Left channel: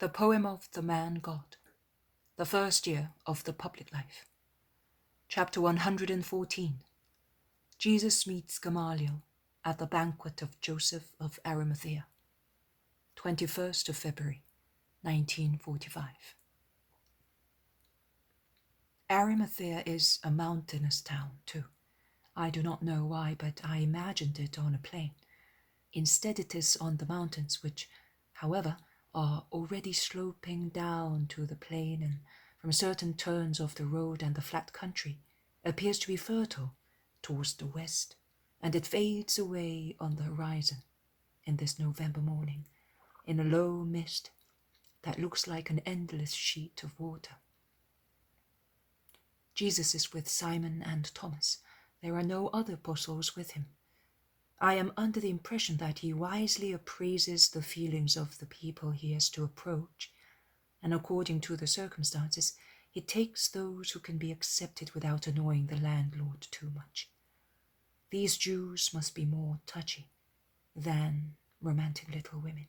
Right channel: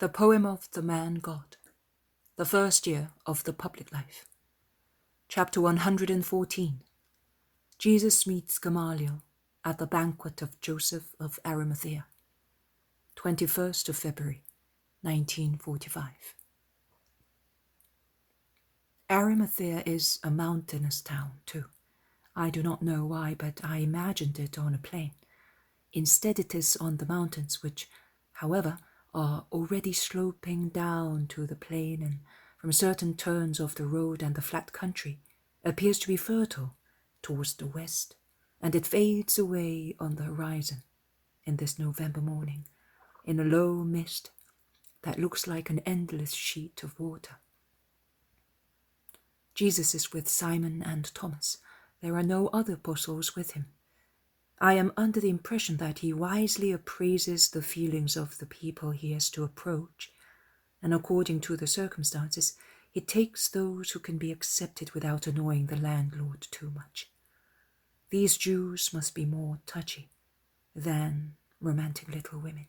The poem of the man God, the first year of the public life. Chapter 114. Jesus meets Gamaliel at the banquet of Joseph of Arimathea. 21st of February, 1945. Arimathea is a mountainous town too. I do not know why, but I imagined it on a plain. Instead it is on the mountains, which, however, are already sloping down to the plain, and from certain turns of the road and the flat country appears to be fertile towards the west, and it fades away on the horizon in this November morning in a low mist that looks like an endless sheet of water. Jesus is with Simon and Thomas. There are no other apostles with him. I am under the impression that he wisely appraises the feelings of the people he has to approach, and according to the circumstances, he takes those who can be accepted without annoying the landlord too much. These Jews must be more touchy than romantic little women.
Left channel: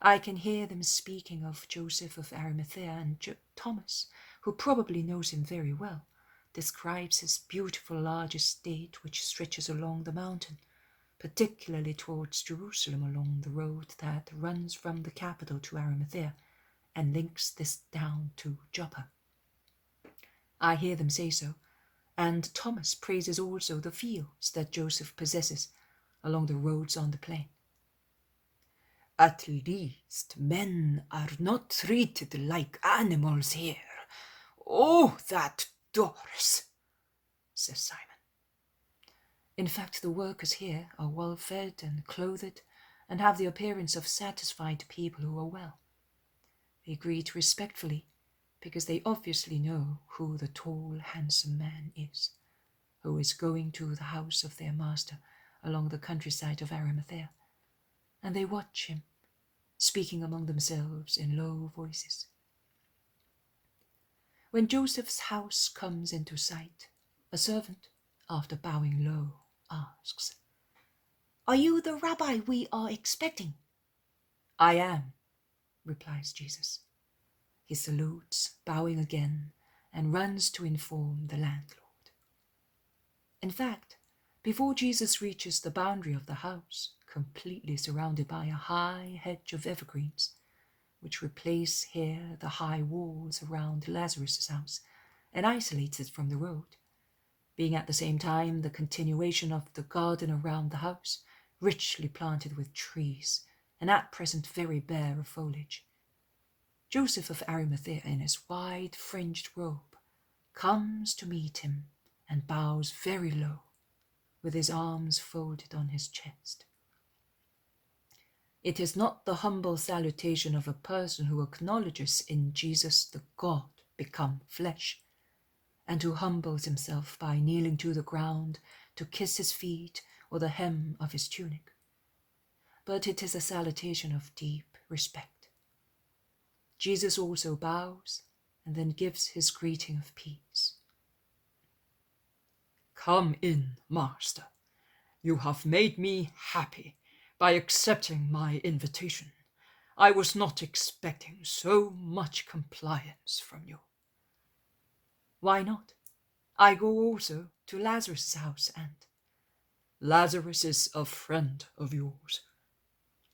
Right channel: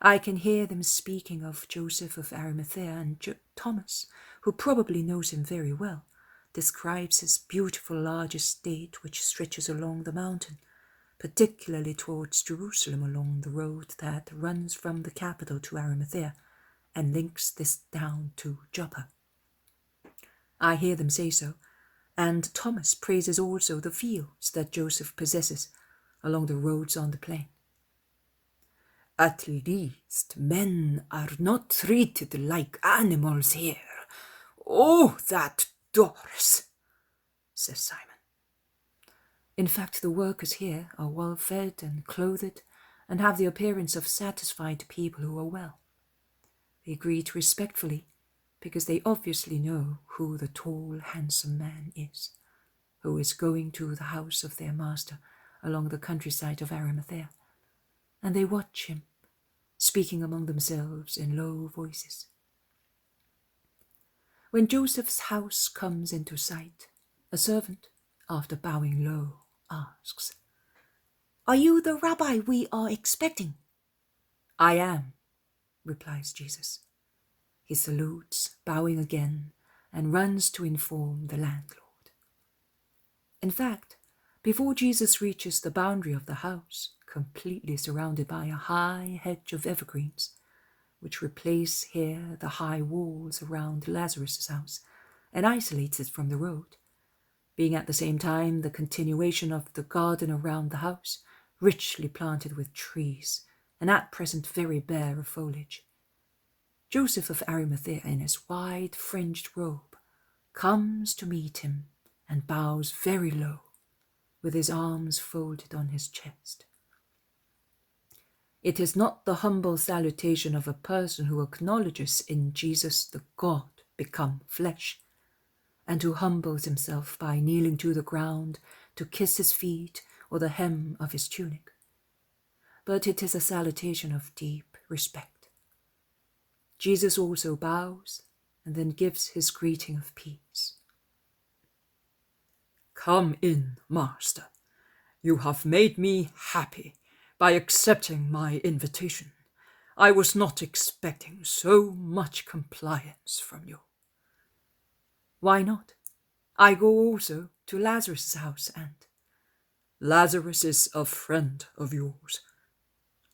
I can hear them speaking of Joseph of Arimathea, and Thomas, who probably knows him very well, describes his beautiful large estate which stretches along the mountain, particularly towards Jerusalem along the road that runs from the capital to Arimathea and links this down to Joppa. I hear them say so, and Thomas praises also the fields that Joseph possesses along the roads on the plain. "At least men are not treated like animals here. Oh, that Doris," says Simon. In fact, the workers here are well fed and clothed and have the appearance of satisfied people who are well. They greet respectfully because they obviously know who the tall, handsome man is, who is going to the house of their master along the countryside of Arimathea, and they watch him, speaking among themselves in low voices. When Joseph's house comes into sight, a servant, after bowing low, asks, "Are you the rabbi we are expecting?" "I am," replies Jesus. He salutes, bowing again, and runs to inform the landlord. In fact, before Jesus reaches the boundary of the house, completely surrounded by a high hedge of evergreens, which replace here the high walls around Lazarus' house and isolates it from the road, being at the same time the continuation of the garden around the house, richly planted with trees, and at present very bare of foliage. Joseph of Arimathea, in his wide fringed robe, comes to meet him and bows very low, with his arms folded on his chest. It is not the humble salutation of a person who acknowledges in Jesus the God become flesh, and who humbles himself by kneeling to the ground to kiss his feet or the hem of his tunic, but it is a salutation of deep respect. Jesus also bows and then gives his greeting of peace. "Come in, Master. You have made me happy by accepting my invitation. I was not expecting so much compliance from you." "Why not? I go also to Lazarus' house, and—" "Lazarus is a friend of yours.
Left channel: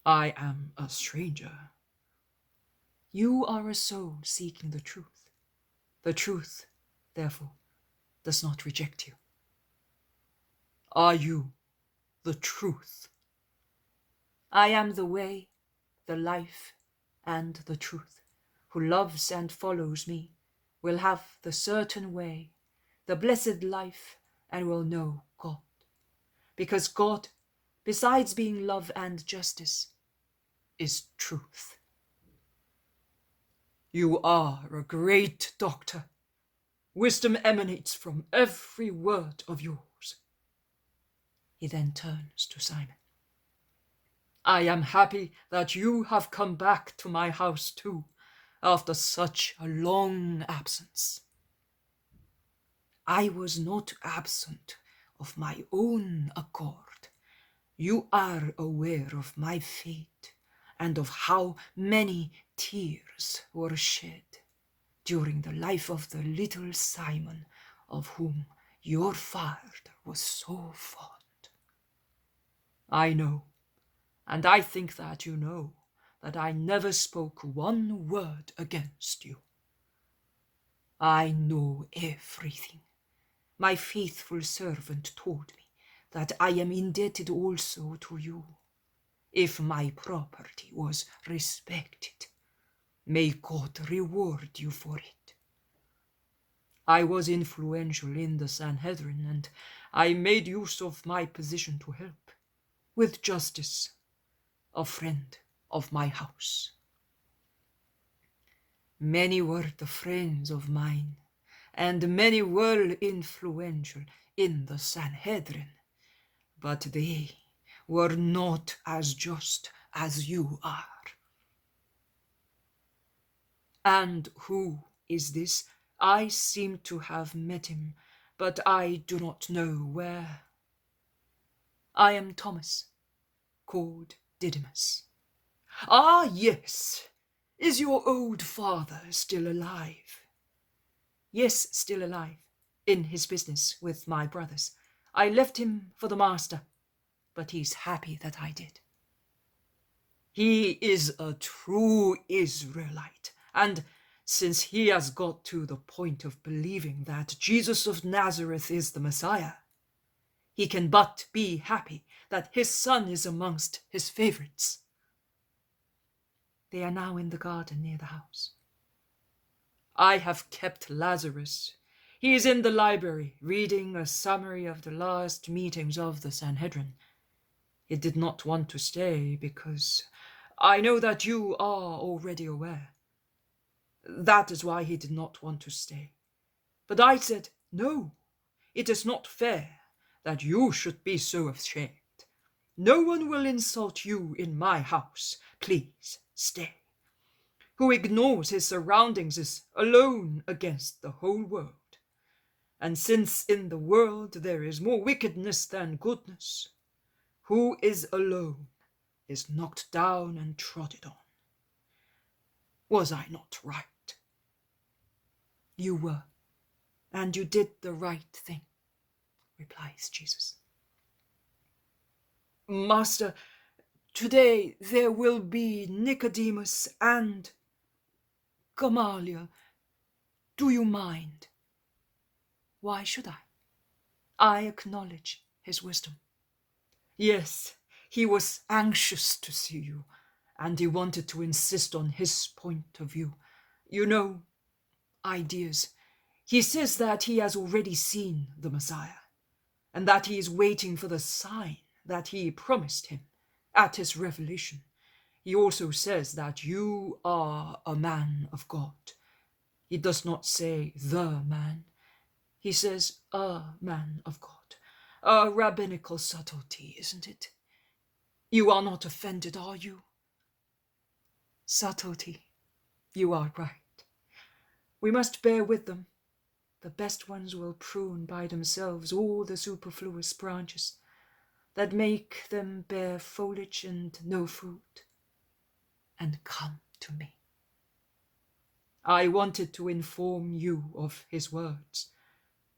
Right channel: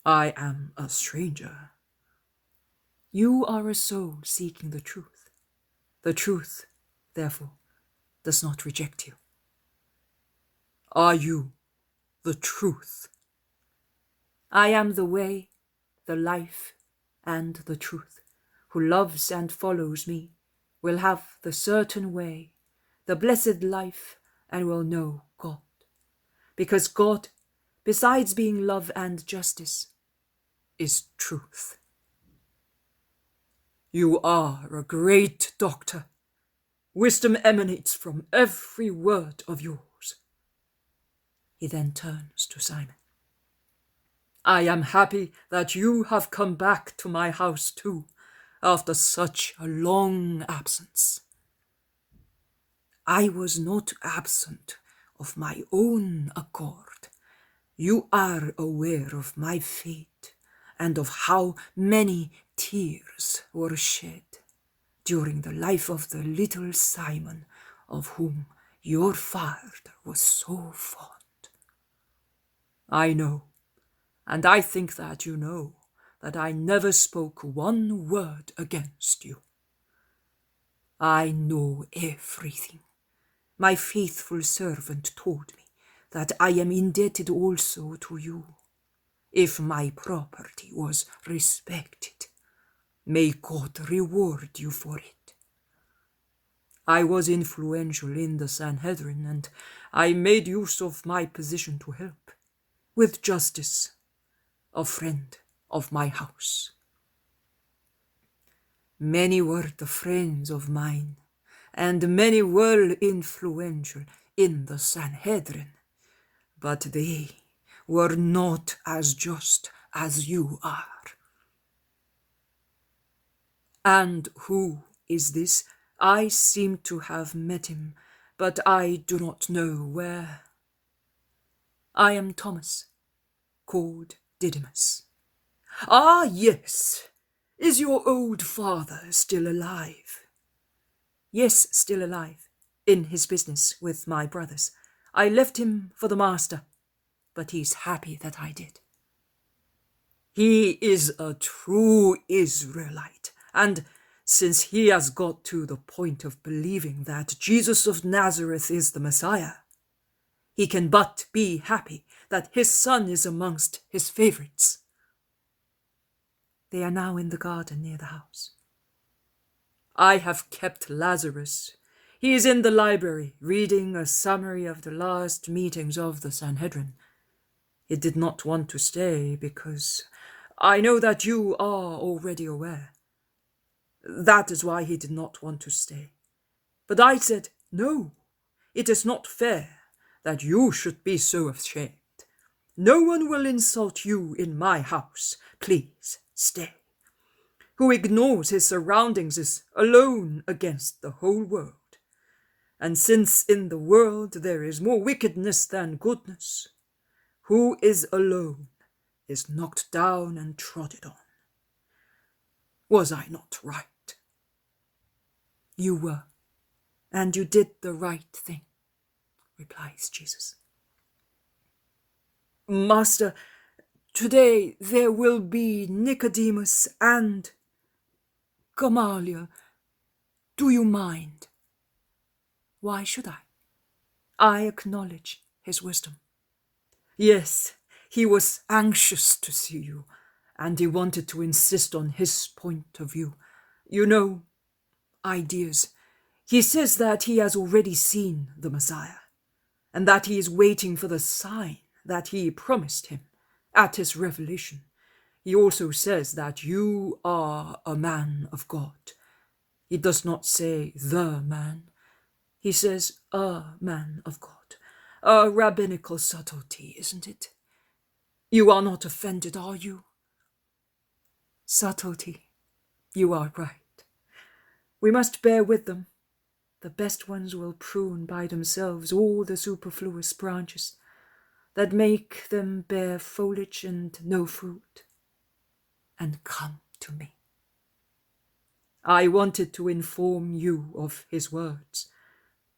I am a stranger." "You are a soul seeking the truth. The truth, therefore, does not reject you." "Are you the truth?" "I am the way, the life, and the truth. Who loves and follows me will have the certain way, the blessed life, and will know God. Because God, besides being love and justice, is truth." "You are a great doctor. Wisdom emanates from every word of yours." He then turns to Simon. "I am happy that you have come back to my house too, after such a long absence." "I was not absent of my own accord. You are aware of my fate and of how many tears were shed during the life of the little Simon, of whom your father was so fond. I know, and I think that you know, that I never spoke one word against you. I know everything. My faithful servant told me that I am indebted also to you. If my property was respected, may God reward you for it. I was influential in the Sanhedrin, and I made use of my position to help, with justice, a friend of my house. Many were the friends of mine, and many were influential in the Sanhedrin, but they were not as just as you are. And who is this? I seem to have met him, but I do not know where. I am Thomas, called Didymus. Ah, yes. Is your old father still alive? Yes, still alive, in his business with my brothers. I left him for the master, but he's happy that I did. He is a true Israelite, and since he has got to the point of believing that Jesus of Nazareth is the Messiah, he can but be happy that his son is amongst his favorites. They are now in the garden near the house. I have kept Lazarus. He is in the library, reading a summary of the last meetings of the Sanhedrin. He did not want to stay because I know that you are already aware. That is why he did not want to stay. But I said, no, it is not fair that you should be so ashamed. No one will insult you in my house. Please stay. Who ignores his surroundings is alone against the whole world. And since in the world there is more wickedness than goodness, who is alone is knocked down and trodden on. Was I not right? You were, and you did the right thing, replies Jesus. Master, today there will be Nicodemus and Gamaliel. Do you mind? Why should I? I acknowledge his wisdom. Yes, he was anxious to see you, and he wanted to insist on his point of view. You know, ideas. He says that he has already seen the Messiah, and that he is waiting for the sign that he promised him at his revelation. He also says that you are a man of God. He does not say the man. He says a man of God. A rabbinical subtlety, isn't it? You are not offended, are you? Subtlety. You are right. We must bear with them. The best ones will prune by themselves all the superfluous branches that make them bear foliage and no fruit, and come to me. I wanted to inform you of his words,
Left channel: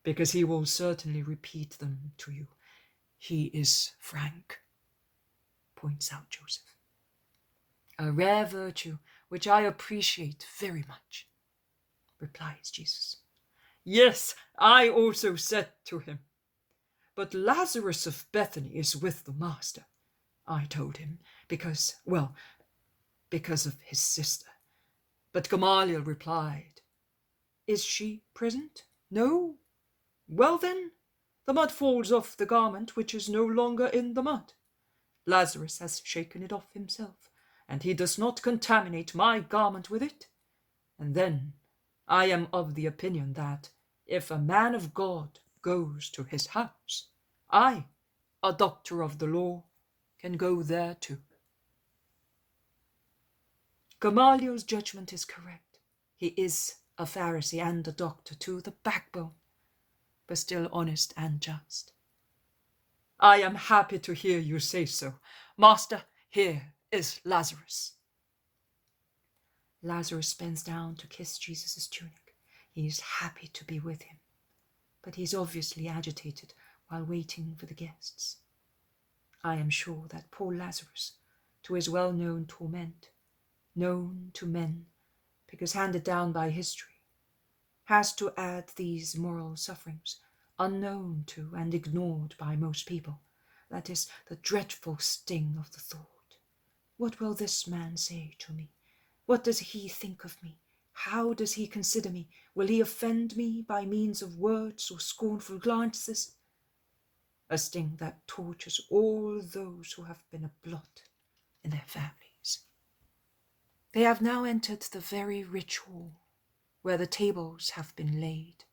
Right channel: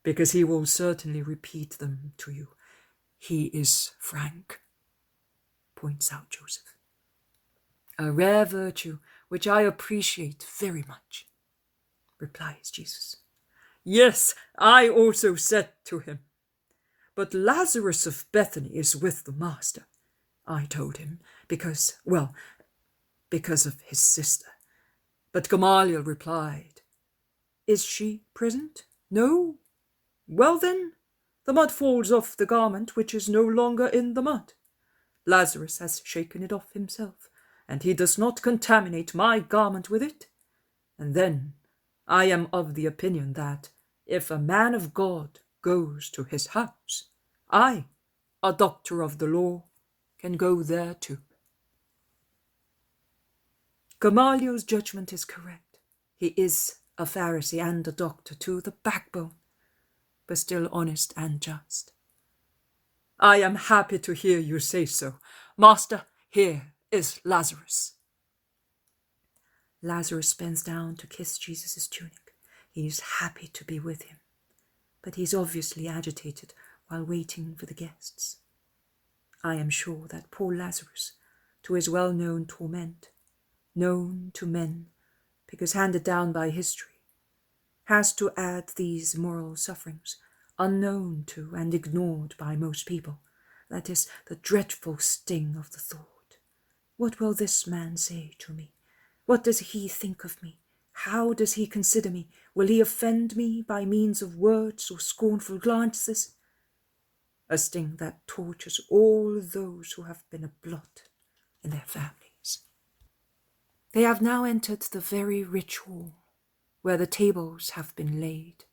because he will certainly repeat them to you. He is frank, points out Joseph. A rare virtue which I appreciate very much, replies Jesus. Yes, I also said to him, but Lazarus of Bethany is with the master, I told him, because of his sister. But Gamaliel replied, is she present? No? Well then, the mud falls off the garment which is no longer in the mud. Lazarus has shaken it off himself, and he does not contaminate my garment with it. And then I am of the opinion that if a man of God goes to his house, I, a doctor of the law, can go there too. Gamaliel's judgment is correct. He is a Pharisee and a doctor to the backbone, but still honest and just. I am happy to hear you say so. Master, here is Lazarus." Lazarus bends down to kiss Jesus' tunic. He is happy to be with him, but he is obviously agitated while waiting for the guests. I am sure that poor Lazarus, to his well-known torment, known to men because handed down by history, has to add these moral sufferings, unknown to and ignored by most people. That is the dreadful sting of the thought. What will this man say to me? What does he think of me? How does he consider me? Will he offend me by means of words or scornful glances? A sting that tortures all those who have been a blot in their families. They have now entered the very rich hall, where the tables have been laid,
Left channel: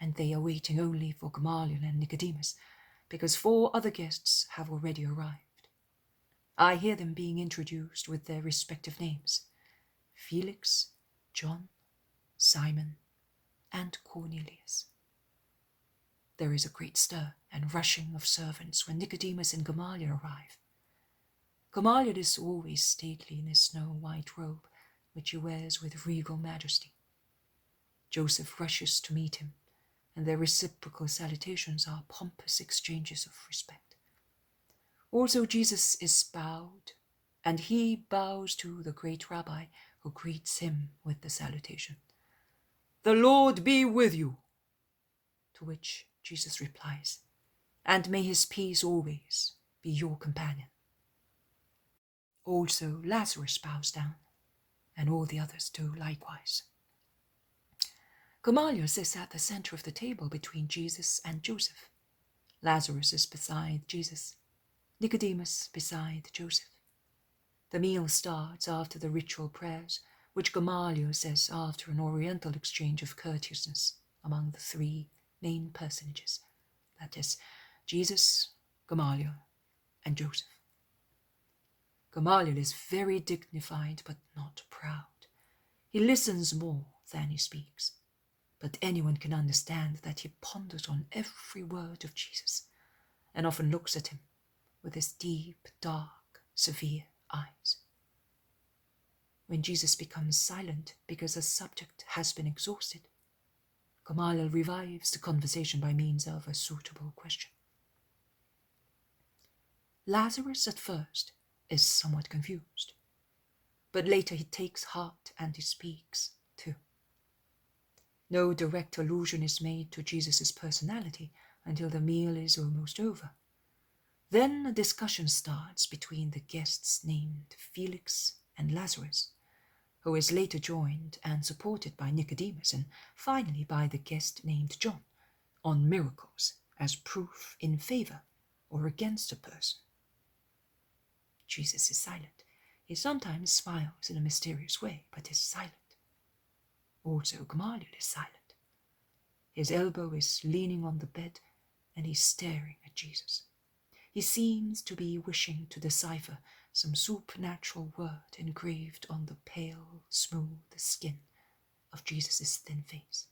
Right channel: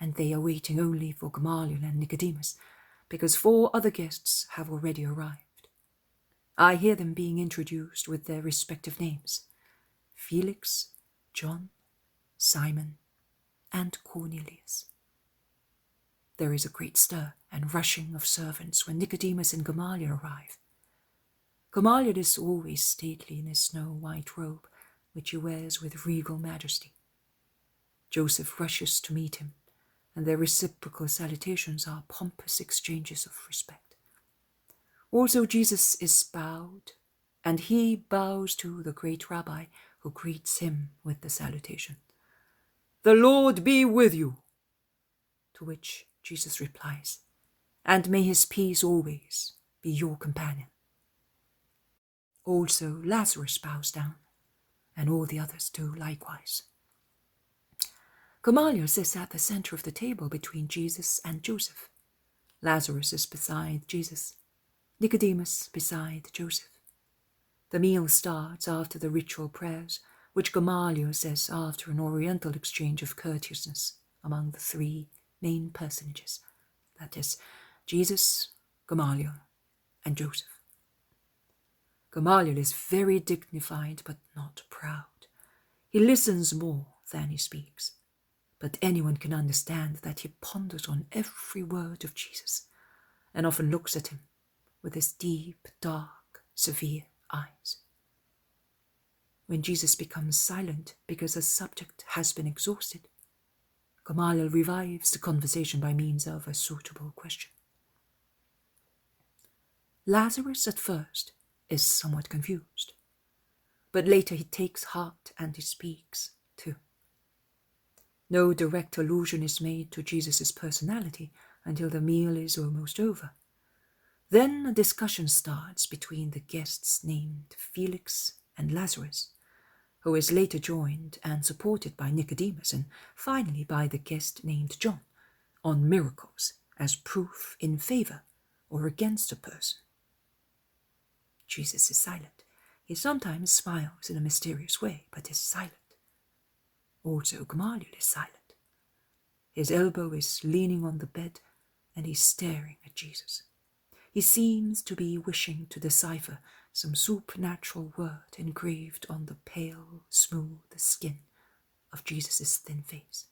and they are waiting only for Gamaliel and Nicodemus, because 4 other guests have already arrived. I hear them being introduced with their respective names: Felix, John, Simon, and Cornelius. There is a great stir and rushing of servants when Nicodemus and Gamaliel arrive. Gamaliel is always stately in his snow-white robe, which he wears with regal majesty. Joseph rushes to meet him, and their reciprocal salutations are pompous exchanges of respect. Also Jesus is bowed, and he bows to the great rabbi, who greets him with the salutation, "The Lord be with you," to which Jesus replies, "And may his peace always be your companion." Also Lazarus bows down, and all the others do likewise. Gamaliel sits at the center of the table between Jesus and Joseph. Lazarus is beside Jesus, Nicodemus beside Joseph. The meal starts after the ritual prayers, which Gamaliel says after an oriental exchange of courteousness among the 3 main personages, that is, Jesus, Gamaliel, and Joseph. Gamaliel is very dignified but not proud. He listens more than he speaks, but anyone can understand that he ponders on every word of Jesus and often looks at him with his deep, dark, severe eyes. When Jesus becomes silent because a subject has been exhausted, Gamaliel revives the conversation by means of a suitable question. Lazarus at first is somewhat confused, but later he takes heart and he speaks too. No direct allusion is made to Jesus' personality until the meal is almost over. Then a discussion starts between the guests named Felix and Lazarus, who is later joined and supported by Nicodemus and finally by the guest named John, on miracles as proof in favor or against a person. Jesus is silent. He sometimes smiles in a mysterious way, but is silent. Also Gamaliel is silent. His elbow is leaning on the bed, and he's staring at Jesus. He seems to be wishing to decipher some supernatural word engraved on the pale, smooth skin of Jesus' thin face.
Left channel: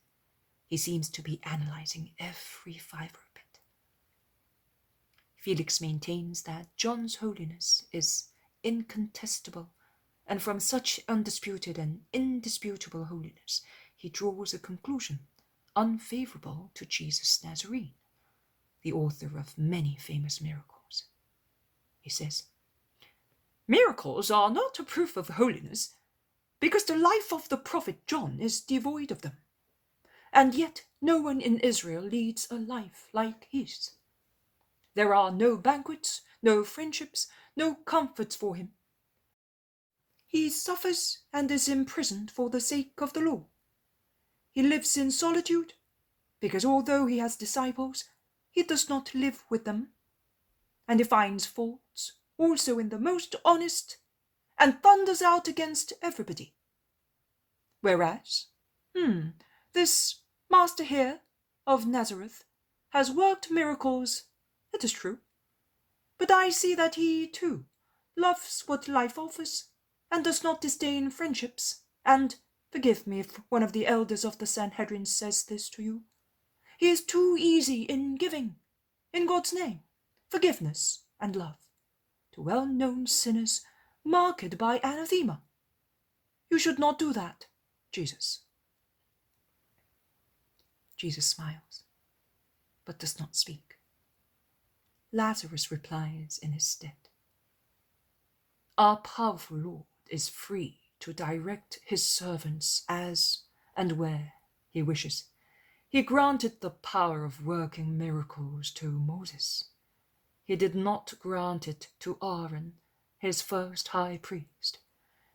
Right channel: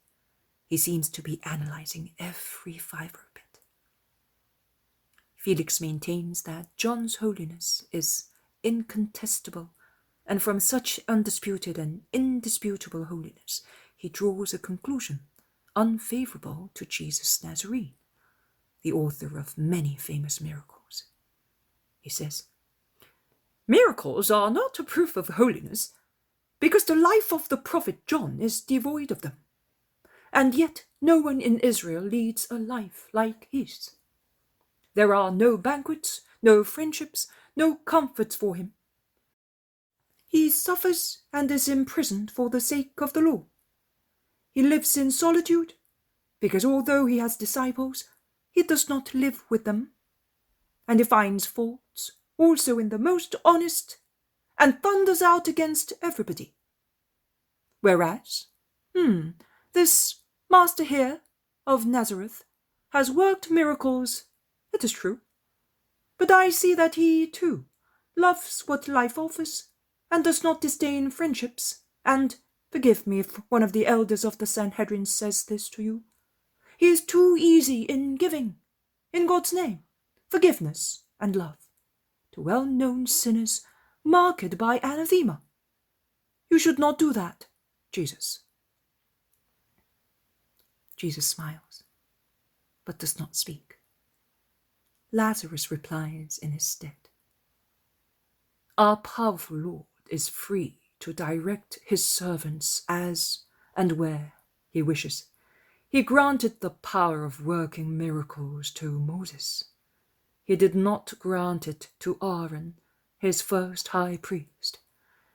He seems to be analyzing every fiber of it. Felix maintains that John's holiness is incontestable, and from such undisputed and indisputable holiness he draws a conclusion unfavorable to Jesus Nazarene, the author of many famous miracles. He says, "Miracles are not a proof of holiness, because the life of the prophet John is devoid of them, and yet no one in Israel leads a life like his. There are no banquets, no friendships, no comforts for him. He suffers and is imprisoned for the sake of the law. He lives in solitude, because although he has disciples, he does not live with them, and he finds faults also in the most honest, and thunders out against everybody. Whereas, this master here of Nazareth has worked miracles, it is true, but I see that he, too, loves what life offers, and does not disdain friendships, and, forgive me if one of the elders of the Sanhedrin says this to you, he is too easy in giving, in God's name, forgiveness and love, to well-known sinners marked by anathema. You should not do that, Jesus. Jesus smiles, but does not speak. Lazarus replies in his stead. Our powerful Lord is free to direct his servants as and where he wishes. He granted the power of working miracles to Moses. He did not grant it to Aaron, his first high priest.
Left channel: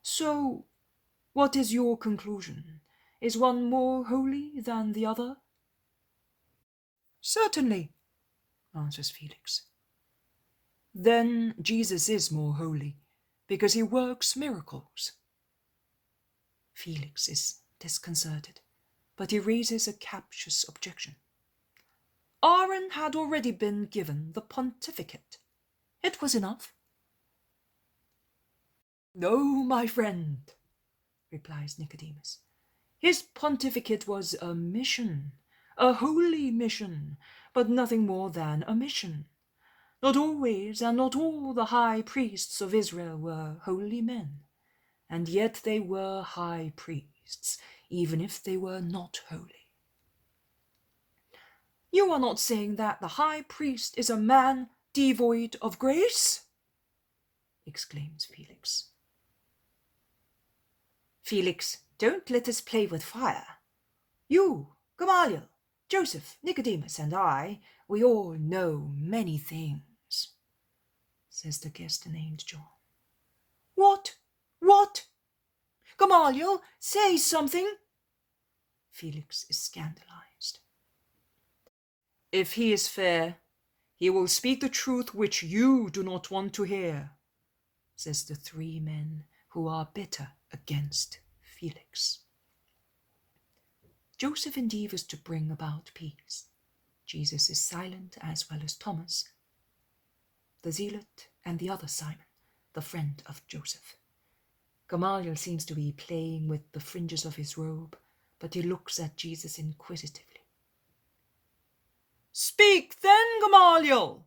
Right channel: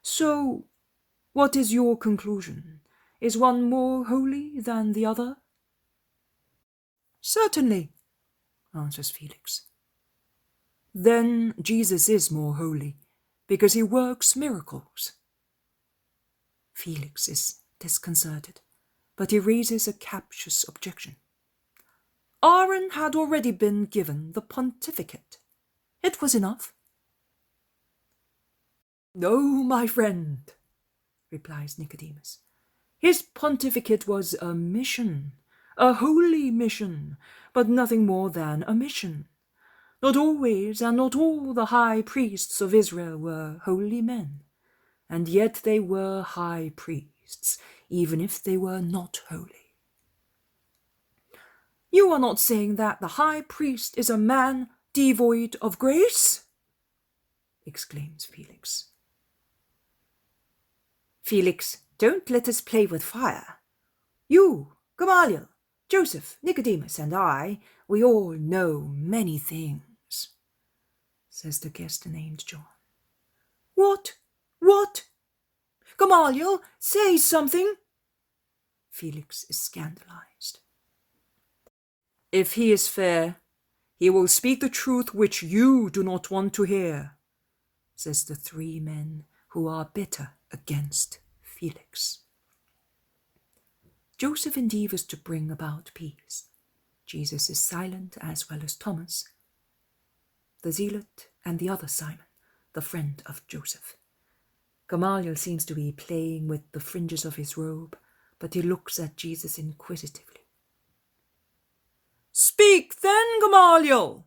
So, what is your conclusion? Is one more holy than the other? Certainly, answers Felix. Then Jesus is more holy, because he works miracles. Felix is disconcerted, but he raises a captious objection. Aaron had already been given the pontificate. It was enough. No, my friend, replies Nicodemus. His pontificate was a mission, a holy mission, but nothing more than a mission. Not always and not all the high priests of Israel were holy men, and yet they were high priests, even if they were not holy. You are not saying that the high priest is a man devoid of grace? Exclaims Felix. Felix, don't let us play with fire. You, Gamaliel, Joseph, Nicodemus, and I, we all know many things, says the guest named John. What? Gamaliel, say something. Felix is scandalized. If he is fair, he will speak the truth which you do not want to hear, says the three men who are bitter against Felix. Joseph endeavors to bring about peace. Jesus is silent, as well as Thomas, the zealot, and the other Simon, the friend of Joseph. Gamaliel seems to be playing with the fringes of his robe, but he looks at Jesus inquisitively. Speak then, Gamaliel,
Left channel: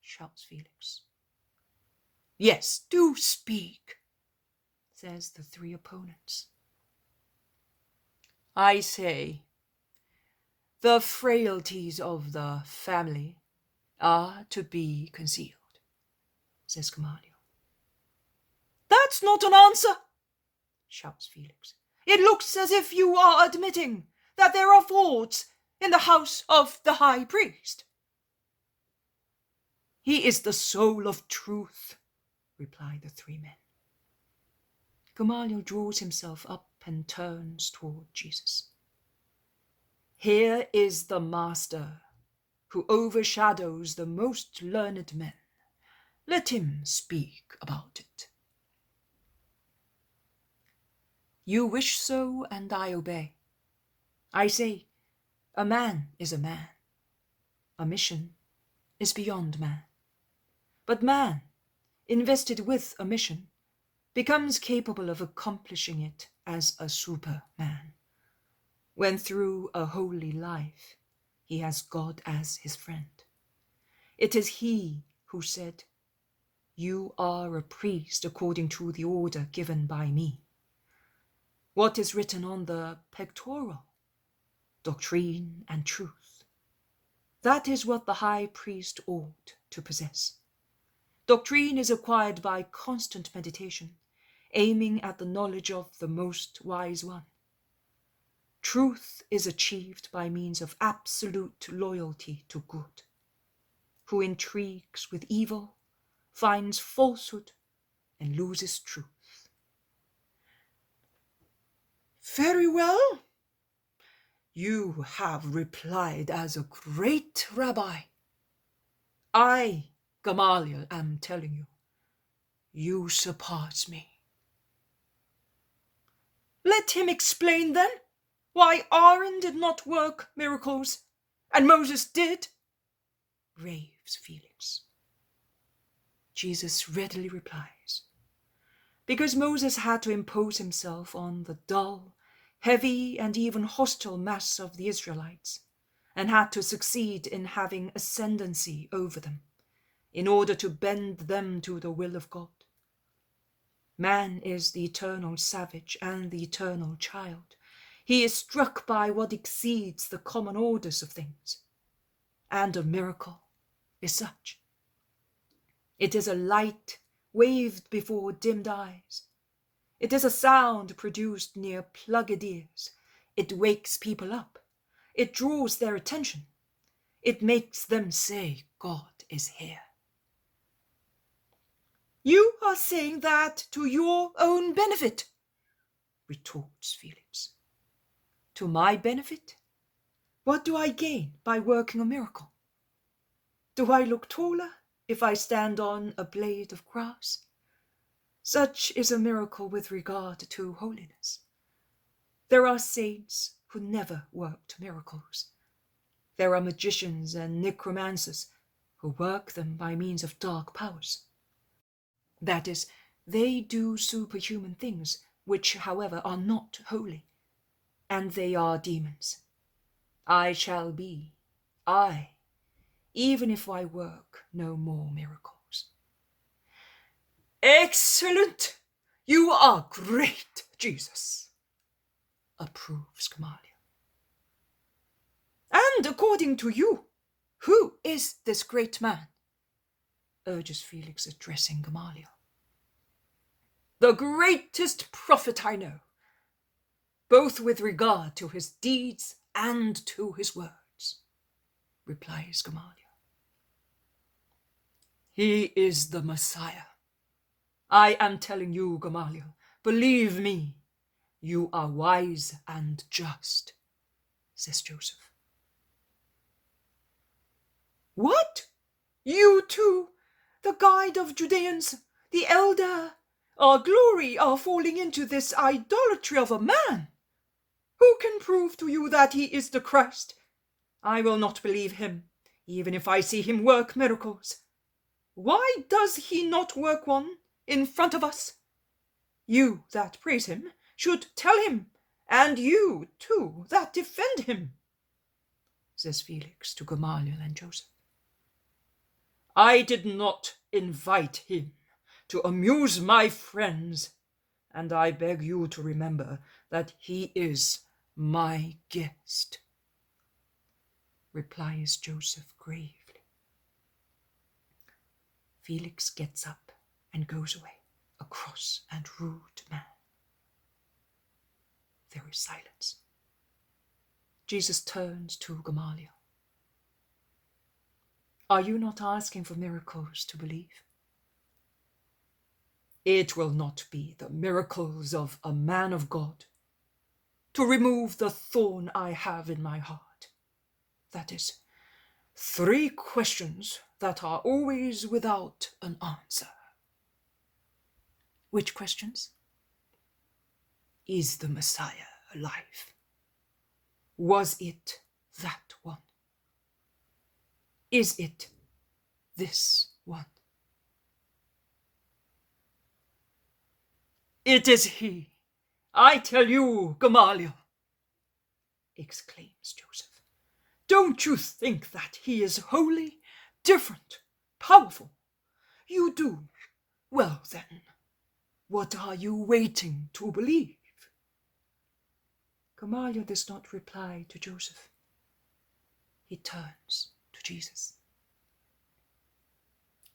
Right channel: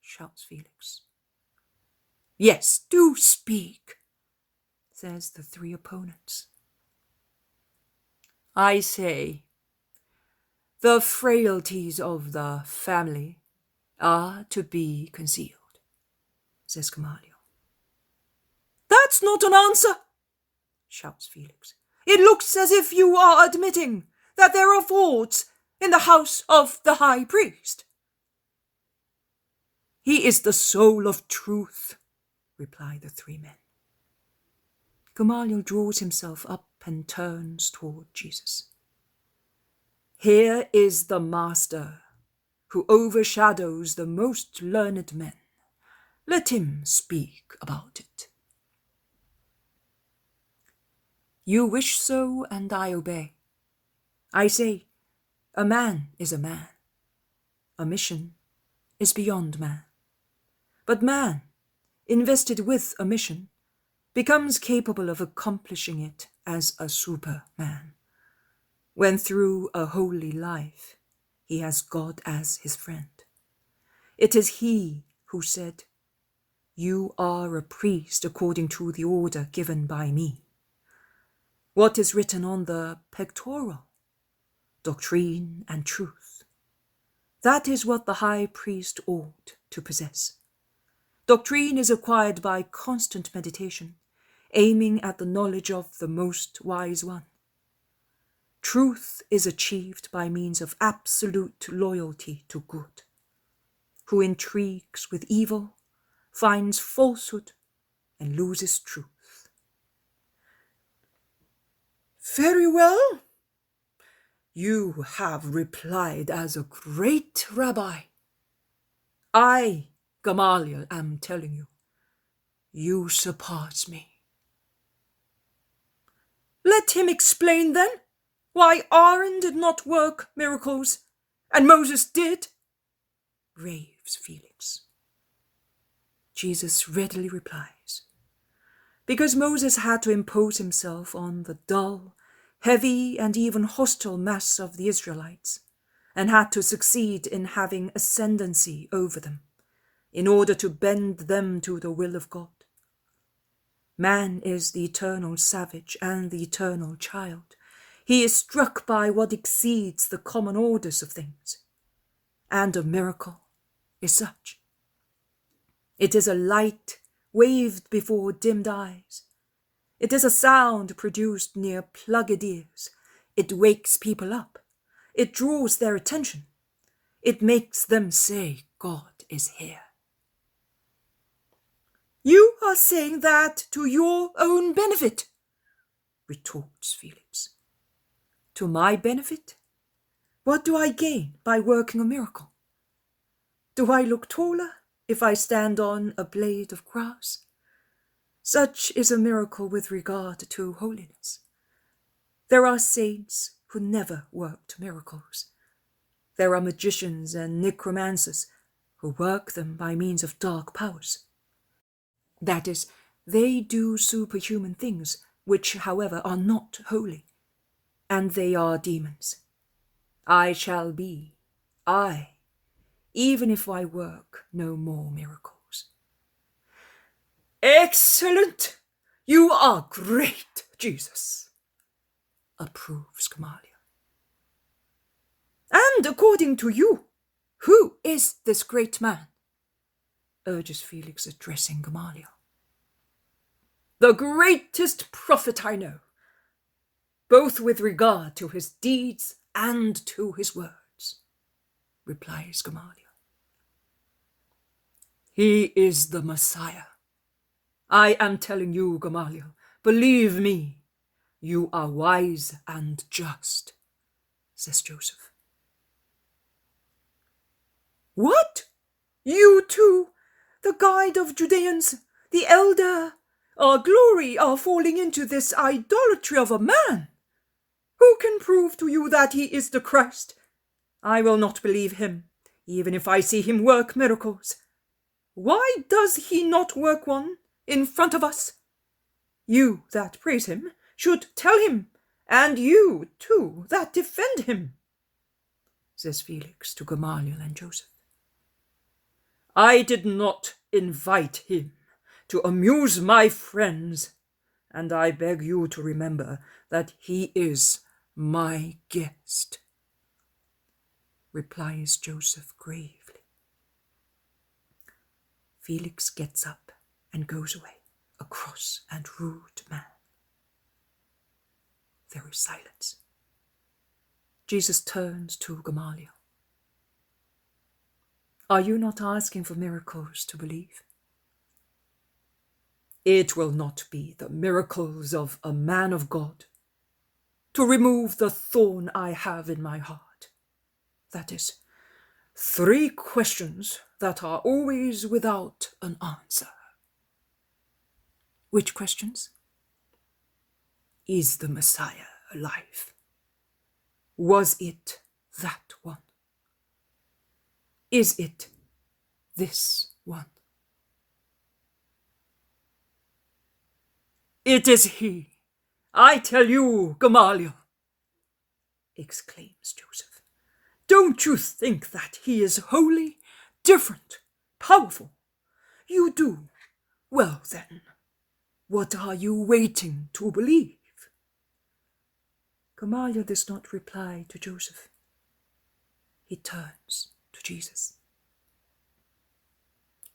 shouts Felix. Yes, do speak, says the three opponents. I say, the frailties of the family are to be concealed, says Gamaliel. That's not an answer, shouts Felix. It looks as if you are admitting that there are faults in the house of the high priest. He is the soul of truth, reply the three men. Gamaliel draws himself up and turns toward Jesus. Here is the master who overshadows the most learned men. Let him speak about it. You wish so, and I obey. I say, a man is a man. A mission is beyond man. But man, invested with a mission, becomes capable of accomplishing it as a superman, when through a holy life he has God as his friend. It is he who said, "You are a priest according to the order given by me." What is written on the pectoral? Doctrine and truth. That is what the high priest ought to possess. Doctrine is acquired by constant meditation, aiming at the knowledge of the most wise one. Truth is achieved by means of absolute loyalty to good. Who intrigues with evil finds falsehood and loses truth. Very well. You have replied as a great rabbi. I, Gamaliel, am telling you, you surpass me. Let him explain then why Aaron did not work miracles and Moses did, raves Felix. Jesus readily replies, because Moses had to impose himself on the dull, heavy, and even hostile mass of the Israelites, and had to succeed in having ascendancy over them, in order to bend them to the will of God. Man is the eternal savage and the eternal child. He is struck by what exceeds the common orders of things. And a miracle is such. It is a light waved before dimmed eyes. It is a sound produced near plugged ears. It wakes people up. It draws their attention. It makes them say, God is here. You are saying that to your own benefit, retorts Felix. To my benefit? What do I gain by working a miracle? Do I look taller if I stand on a blade of grass? Such is a miracle with regard to holiness. There are saints who never worked miracles. There are magicians and necromancers who work them by means of dark powers. That is, they do superhuman things, which, however, are not holy, and they are demons. I shall be, even if I work no more miracles. Excellent! You are great, Jesus, approves Gamaliel. And according to you, who is this great man? Urges Felix, addressing Gamaliel. The greatest prophet I know, both with regard to his deeds and to his words, replies Gamaliel. He is the Messiah. I am telling you, Gamaliel, believe me, you are wise and just, says Joseph. What? You too, the guide of Judeans, the elder, our glory, are falling into this idolatry of a man? Who can prove to you that he is the Christ? I will not believe him, even if I see him work miracles. Why does he not work one in front of us? You that praise him should tell him, and you too that defend him, says Felix to Gamaliel and Joseph. I did not invite him to amuse my friends, and I beg you to remember that he is my guest, replies Joseph gravely. Felix gets up and goes away, a cross and rude man. There is silence. Jesus turns to Gamaliel. Are you not asking for miracles to believe? It will not be the miracles of a man of God to remove the thorn I have in my heart. That is, 3 questions that are always without an answer. Which questions? Is the Messiah alive? Was it that one? Is it this one? It is he, I tell you, Gamaliel, exclaims Joseph. Don't you think that he is holy, different, powerful? You do. Well then, what are you waiting to believe? Gamaliel does not reply to Joseph. He turns to Jesus.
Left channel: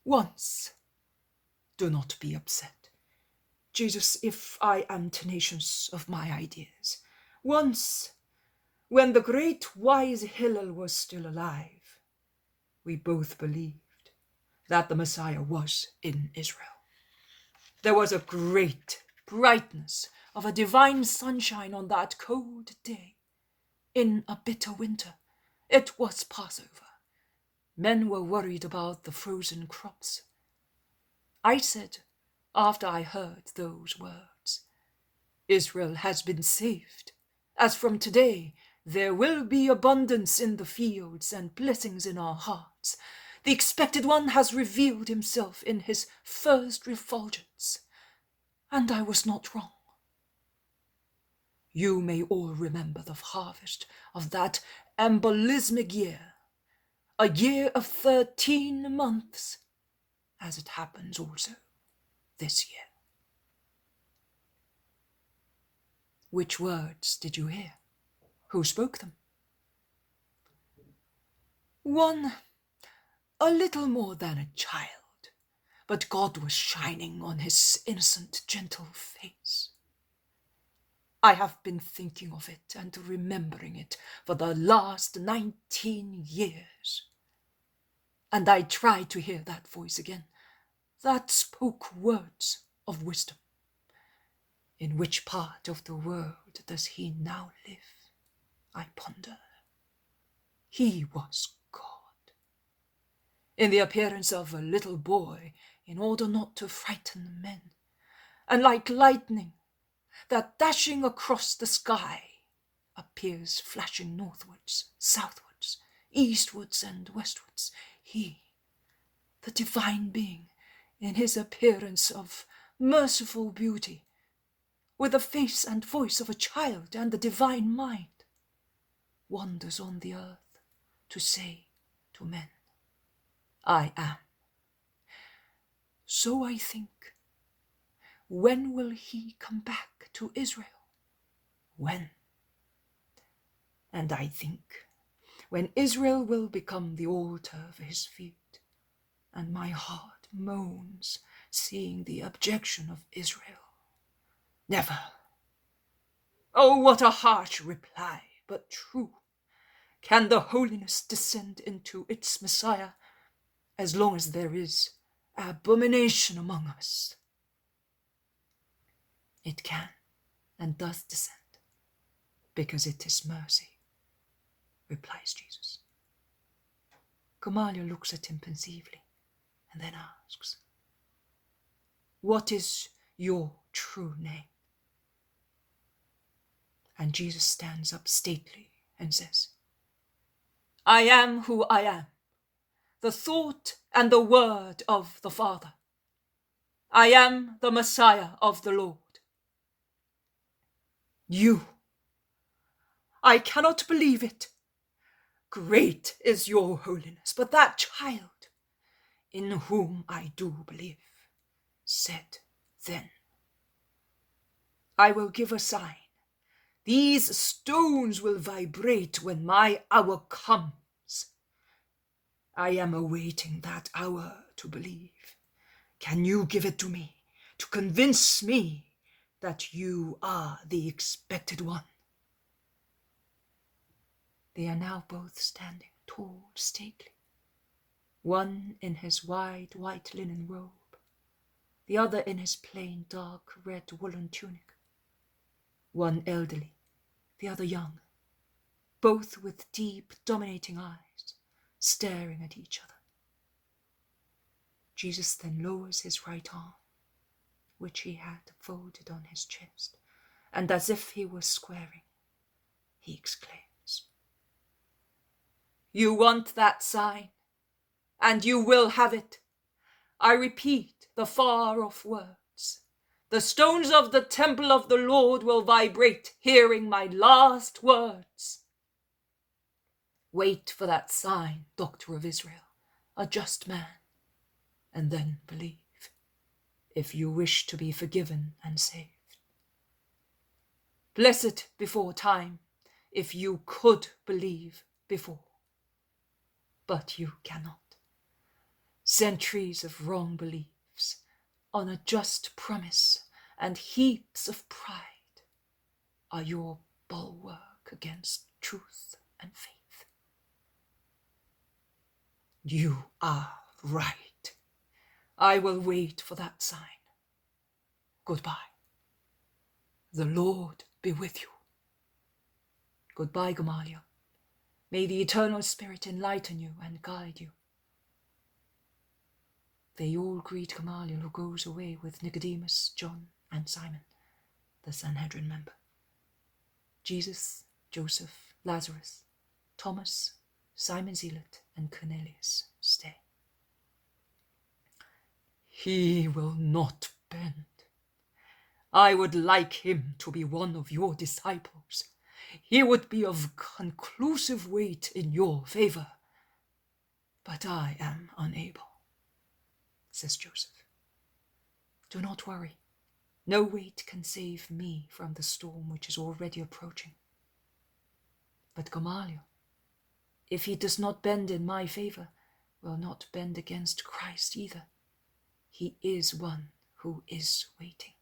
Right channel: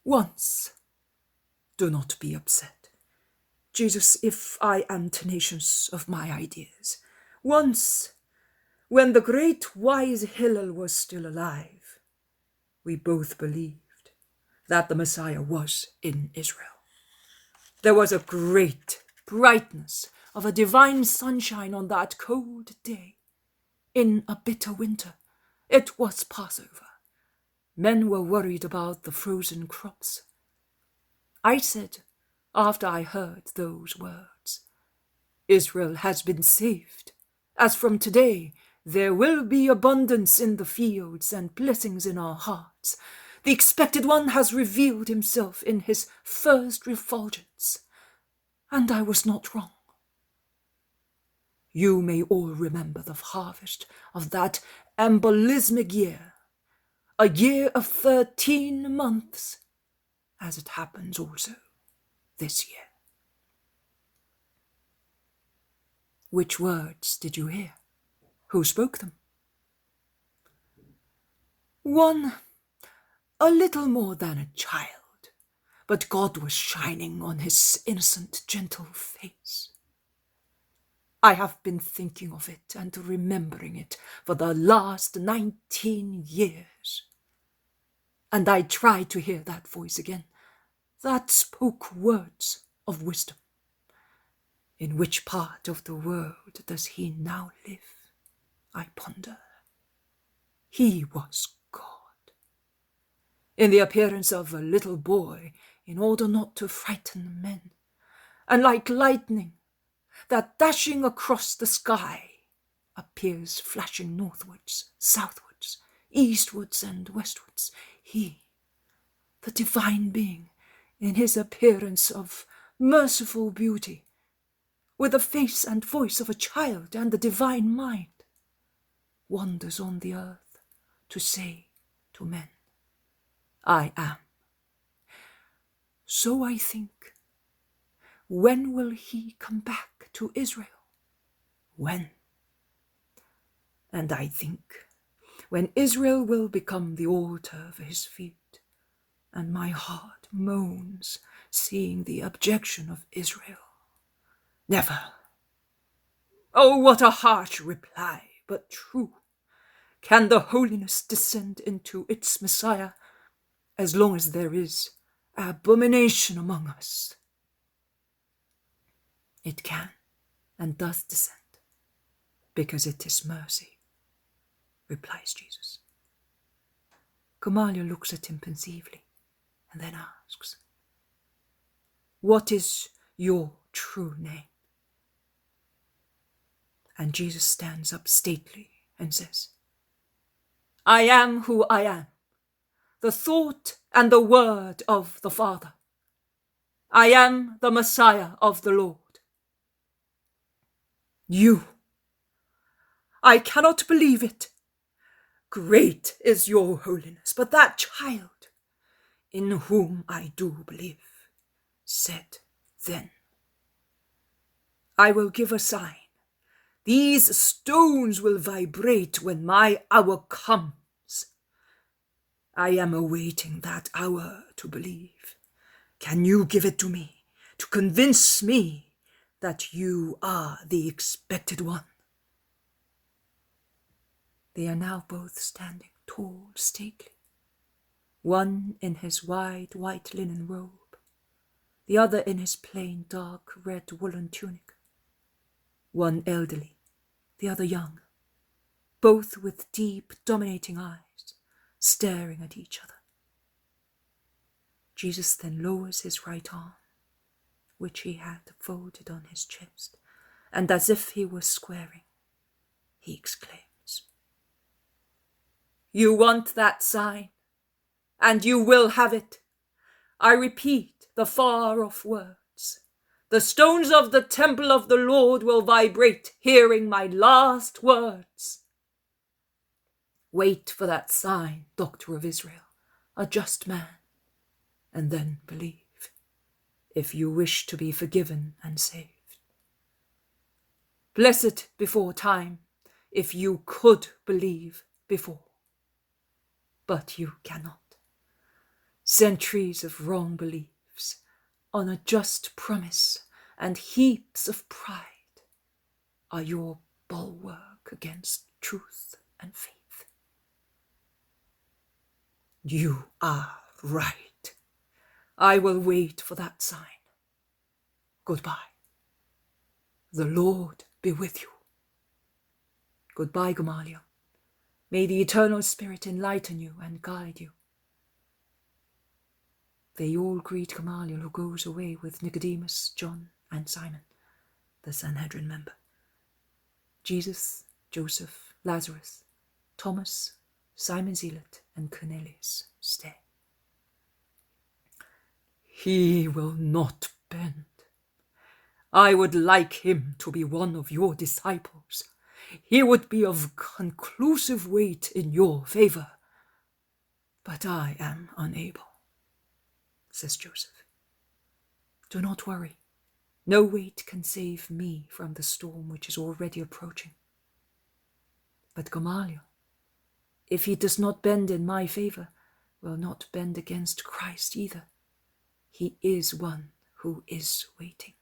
Once, do not be upset, Jesus, if I am tenacious of my ideas. Once, when the great wise Hillel was still alive, we both believed that the Messiah was in Israel. There was a great brightness of a divine sunshine on that cold day. In a bitter winter, it was Passover. Men were worried about the frozen crops. I said, after I heard those words, Israel has been saved. As from today, there will be abundance in the fields and blessings in our hearts. The expected one has revealed himself in his first refulgence, and I was not wrong. You may all remember the harvest of that embolismic year, a year of 13 months, as it happens also this year. Which words did you hear? Who spoke them? One, a little more than a child, but God was shining on his innocent, gentle face. I have been thinking of it and remembering it for the last 19 years. And I tried to hear that voice again, that spoke words of wisdom. In which part of the world does he now live? I ponder. He was God, in the appearance of a little boy, in order not to frighten men, and like lightning that dashing across the sky appears flashing northwards, southwards, eastwards and westwards. He, the divine being, in his appearance of merciful beauty, with the face and voice of a child and the divine mind, wanders on the earth to say to men, I am. So I think, when will he come back to Israel? When? And I think, when Israel will become the altar for his feet, and my heart moans, seeing the abjection of Israel. Never. Oh, what a harsh reply, but true. Can the holiness descend into its Messiah as long as there is abomination among us? It can and does descend, because it is mercy, replies Jesus. Gamaliel looks at him pensively and then asks, what is your true name? And Jesus stands up stately and says, I am who I am, the thought and the word of the Father. I am the Messiah of the Lord. You, I cannot believe it. Great is your holiness, but that child, in whom I do believe, said then, I will give a sign. These stones will vibrate when my hour comes. I am awaiting that hour to believe. Can you give it to me, to convince me that you are the expected one? They are now both standing tall, stately, one in his wide white linen robe, the other in his plain dark red woolen tunic, one elderly, the other young, both with deep, dominating eyes, staring at each other. Jesus then lowers his right arm, which he had folded on his chest, and as if he were squaring, he exclaims, you want that sign, and you will have it. I repeat the far-off words. The stones of the temple of the Lord will vibrate, hearing my last words. Wait for that sign, Doctor of Israel, a just man, and then believe, if you wish to be forgiven and saved. Blessed before time, if you could believe before. But you cannot. Centuries of wrong beliefs on a just promise and heaps of pride are your bulwark against truth and faith. You are right. I will wait for that sign. Goodbye. The Lord be with you. Goodbye, Gamaliel. May the eternal Spirit enlighten you and guide you. They all greet Gamaliel, who goes away with Nicodemus, John, and Simon, the Sanhedrin member. Jesus, Joseph, Lazarus, Thomas, Simon Zealot, and Cornelius stay. He will not bend. I would like him to be one of your disciples. He would be of conclusive weight in your favor. But I am unable, says Joseph. Do not worry. No weight can save me from the storm which is already approaching. But Gamaliel, if he does not bend in my favor, will not bend against Christ either. He is one who is waiting.